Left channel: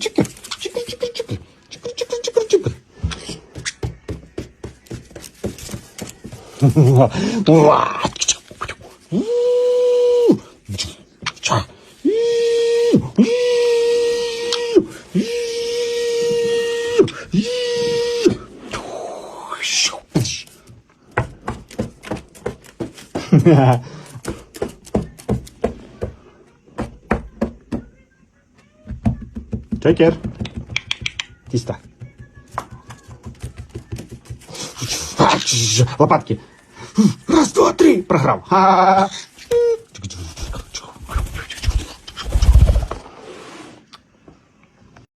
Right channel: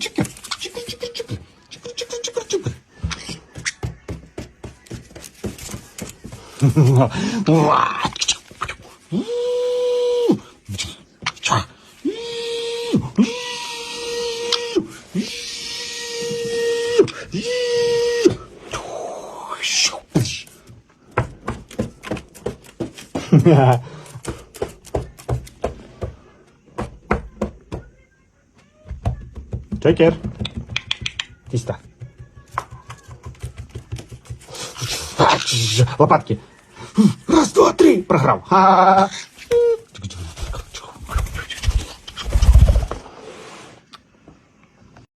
Чикер, чикер, чикер, чикер, чикер, чикер, чикер, чикер. Уа! Ча! Чекер. Тісто. Лопатки. Раз, два, три. Програв. Ха-ха-ха.